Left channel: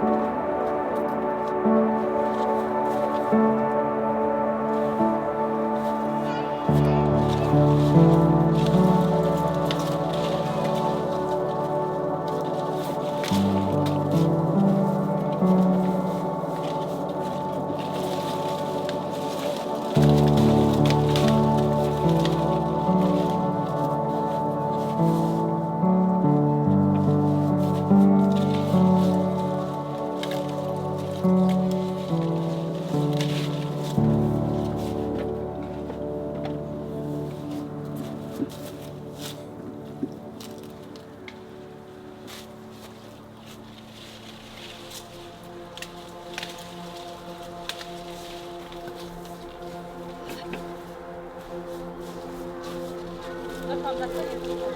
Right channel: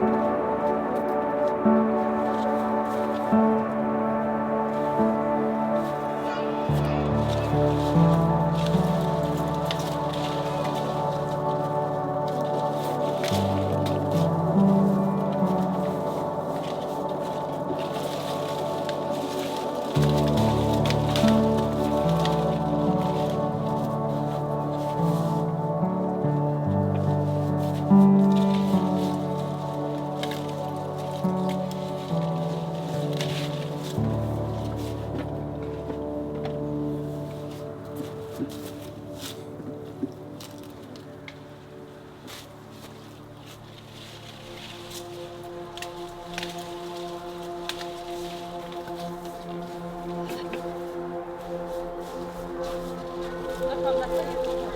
A Thank you.